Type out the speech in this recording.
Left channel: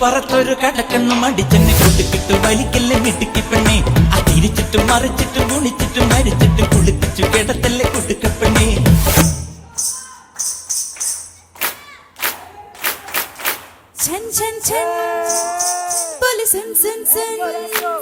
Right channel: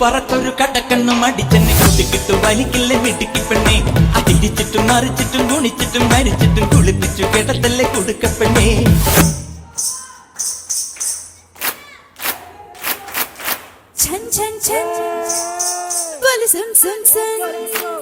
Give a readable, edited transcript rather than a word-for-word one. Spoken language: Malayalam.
പറത്തൊരു കടക്കണ്ണും അടിച്ചെന്ന് കുട്ടിക്കിട്ടും വലിക്കില്ല മിടുക്കി പെണ്ണേ. തിരിച്ചിട്ടും മറിച്ചിട്ടും കുണിച്ചിട്ടും മരിച്ചിട്ടും കുളിപ്പിച്ചു കിടത്തല്ലേ കൊടുക്കപ്പെണ്ണേ. ഛൻ ഛൻ ഛൻ പോലെ സം സം സം